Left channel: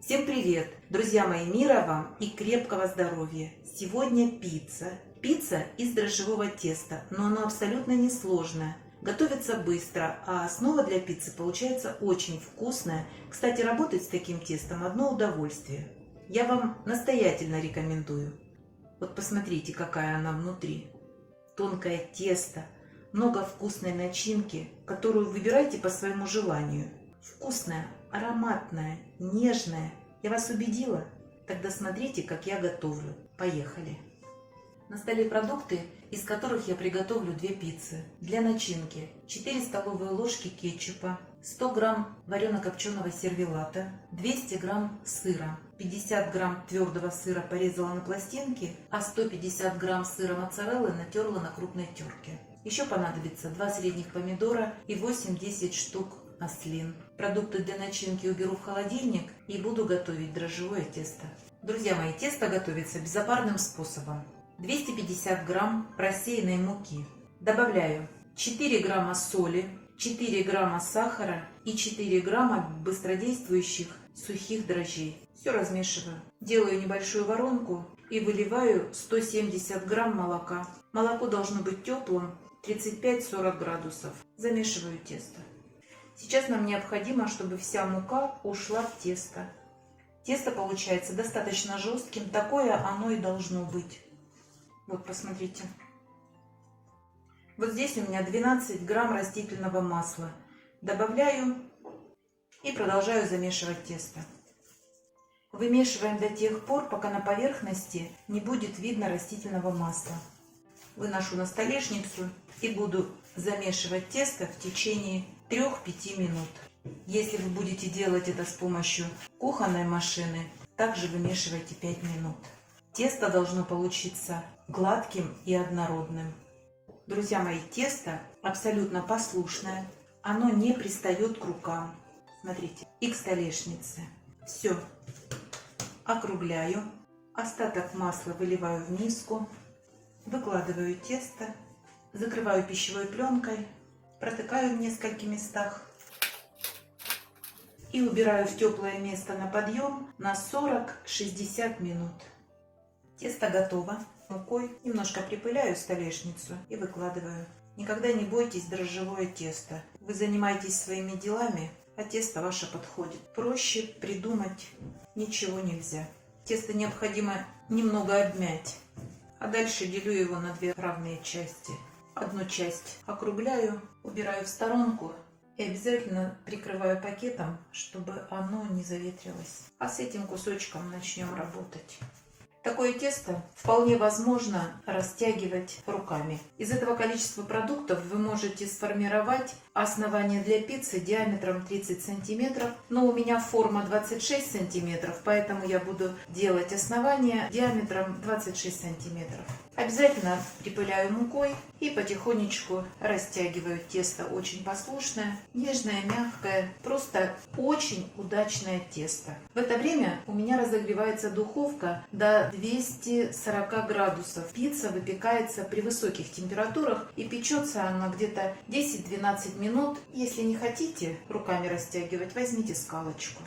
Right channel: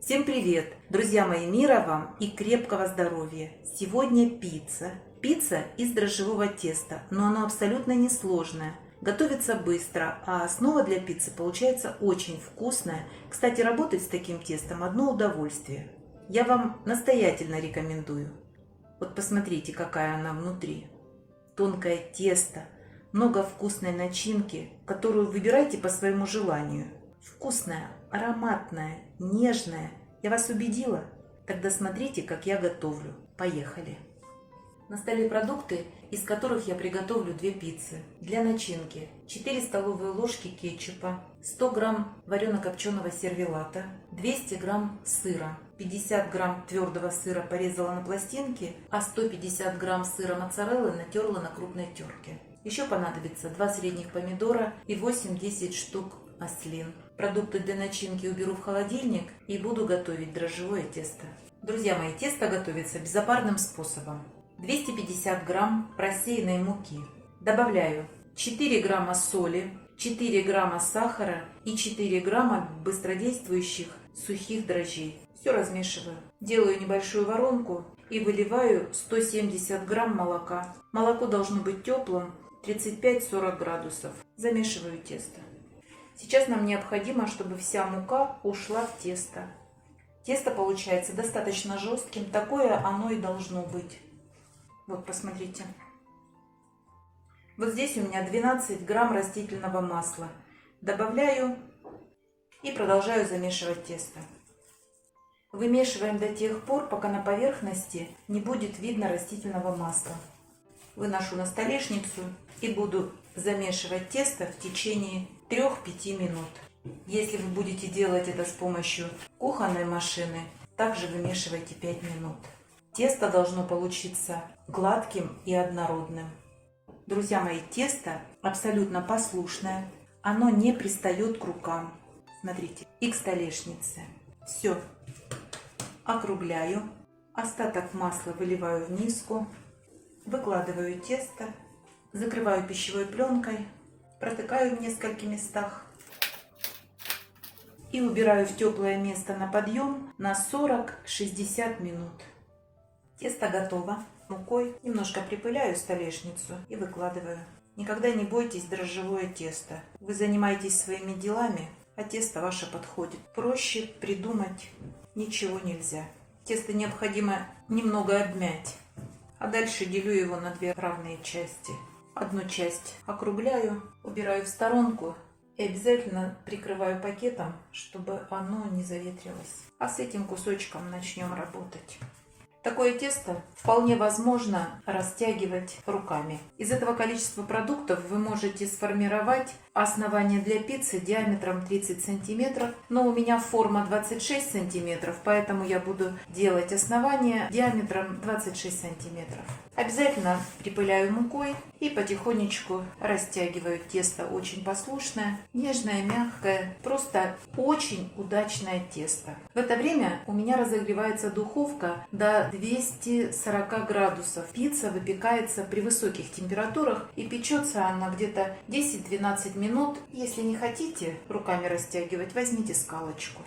Всем привет! Друзья мои, мира вам и крепкого здоровья! Сегодня пицца. Пицца из дрожжевого теста, но оно абсолютно несложное. Готовится быстро, а основа для пиццы получается очень вкусная. Кстати, работать с таким тестом одно удовольствие. Я вам настоятельно рекомендую. Вот посмотрите, какая она внутри. Тонкое тесто, много вкусной начинки, которую выбирайте по своему желанию. Вкусная, ароматная, нежная. Я вас убедила? Тогда смотрите, как я готовлю. Поехали! На столе продукты, из которых я приготовлю 2 пиццы. Для начинки 4 столовые ложки кетчупа, 100 грамм варено-копченого сервелата, 200 грамм сыра, 50 грамм твердого сыра порезала на пластинки, а 150 грамм сыра моцареллы натерла на крупной терке. Еще понадобится 2 средних помидора и 8-10 штук маслин. Продукты для начинки уберу в холодильник и буду готовить дрожжевое тесто. Друзья мои, тесто готовится безопасным способом. 250 грамм просеянной муки. Добавляю 4 грамма соли, 4 грамма сахара и 4 грамма быстродействующих сухих дрожжей. Все размешиваю. Делаю небольшую воронку и выливаю 170 грамм молока. Молоко должно быть теплым, 35-40 градусов. Замешиваю тесто. Сейчас нам необходимо, чтобы вся мука ушла в тесто. Тесто получается достаточно жестким, такое оно и должно быть. Вот, посмотрите. Вот здесь у меня 12 грамм растительного масла. Добавляю и продолжаю замешивать тесто. Вымешиваем до тех пор, пока на поверхности не будет видно растительного масла. Выношу на столешницу и буду замешивать тесто в течение 3-5 минут. Если вы будете делать это с помощью кухонной машины, также вымешивайте 5 минут. Тесто должно получиться гладким и однородным. Друзья мои, тесто абсолютно послушное, оно не пристает к рукам. Смотрите, и к столешнице. Все. Округляю. Остаток масла выливаю в миску. Выкладываю тесто. Закрываю пищевой пленкой. Протыкаю в нескольких местах. И убираю в теплое место на подъем на 40-60 минут. Тесто готово. Мукой немножко припыляю столешницу и выкладываю. Никогда не бойтесь дрожжевое тесто. Вы занимаетесь своими делами, а тесто ваше подходит. Проще придумать ничего нельзя. Тесто необходимо немного обмять. А дальше делю его на 2 равные части. Одну часть округляю, убираю в сторонку и обязательно прикрываю пакетом, чтобы оно не заветрилось. А с этим кусочком начнем работать. Такое тесто вполне возможно растягивать руками. Из этого количества продуктов вы можете сформировать основание для пиццы диаметром 30 сантиметров. Но у меня форма 26 сантиметров, поэтому я буду делать основание диаметром 26 сантиметров. Обязательно припыляю мукой и потихонечку растягиваю. Тесто очень послушное, нежное, мягкое, просто очень удачное тесто. В это время у меня разогревается духовка до 240 градусов. Пицца выпекается при высоких температурах и печется она где-то 10-12 минут. Если не хотите руками растягивать, возьмите скалочку.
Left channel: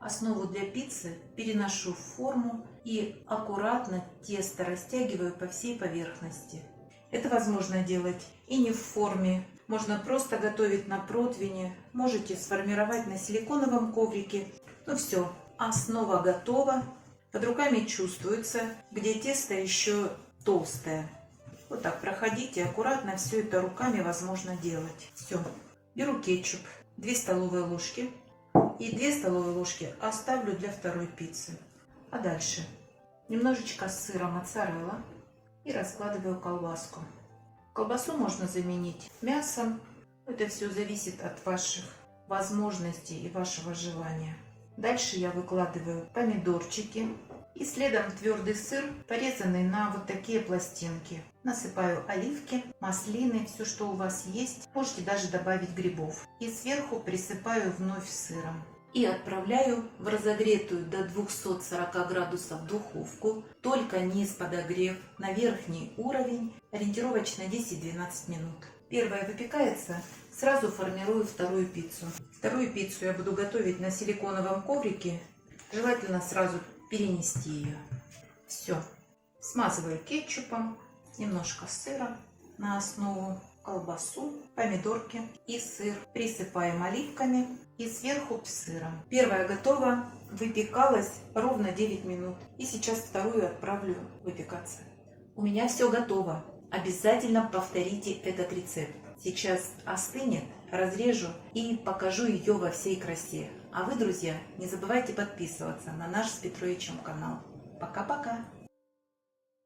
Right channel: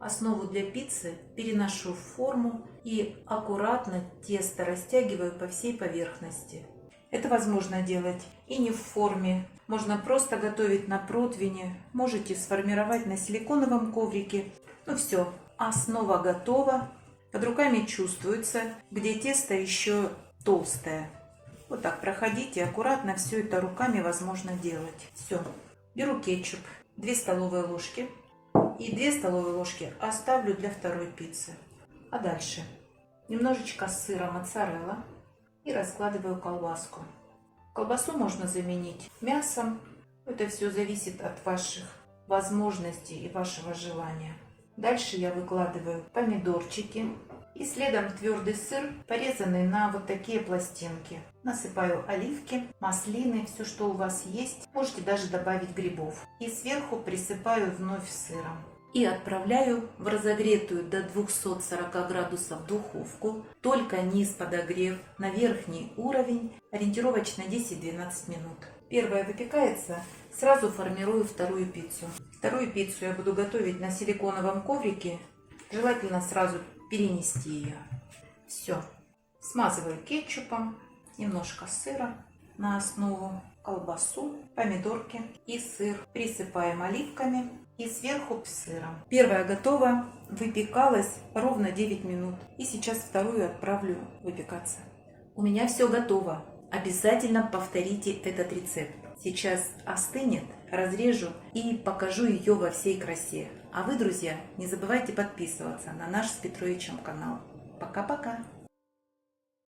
Основу для пиццы переношу в форму и аккуратно тесто растягиваю по всей поверхности. Это возможно делать и не в форме. Можно просто готовить на противне, можете сформировать на силиконовом коврике. Ну все, основа готова. Под руками чувствуется, где тесто еще толстое. Вот так проходите, аккуратно все это руками возможно делать. Все. Беру кетчуп, 2 столовые ложки. И 2 столовые ложки оставлю для второй пиццы. А дальше немножечко сыра моцарелла и раскладываю колбаску. Колбасу можно заменить мясом. Это все зависит от ваших возможностей и вашего желания. Дальше я выкладываю помидорчики и следом твердый сыр, порезанный на вот такие пластинки. Насыпаю оливки, маслины, все, что у вас есть. Можете даже добавить грибов. И сверху присыпаю вновь сыром. И отправляю в разогретую до 240 градусов духовку, только низ подогрев, на верхний уровень, ориентировочно 10-12 минут. Первая выпекается, сразу формирую вторую пиццу. Вторую пиццу я буду готовить на силиконовом коврике Желательно сразу перенести ее. Все. Смазываю кетчупом, немножко сыра на основу, колбасу, помидорки и сыр. Присыпаем оливками и сверху сыром. Первая готова, выпекалась ровно 9 минут. И сейчас вторую отправлю выпекаться. У меня все готово. Обязательно повторите этот рецепт. Сейчас остынет, разрежу и покажу ее во всей красе. А вы, друзья, не забывайте подписываться на наш с Петровичем канал. Пока-пока!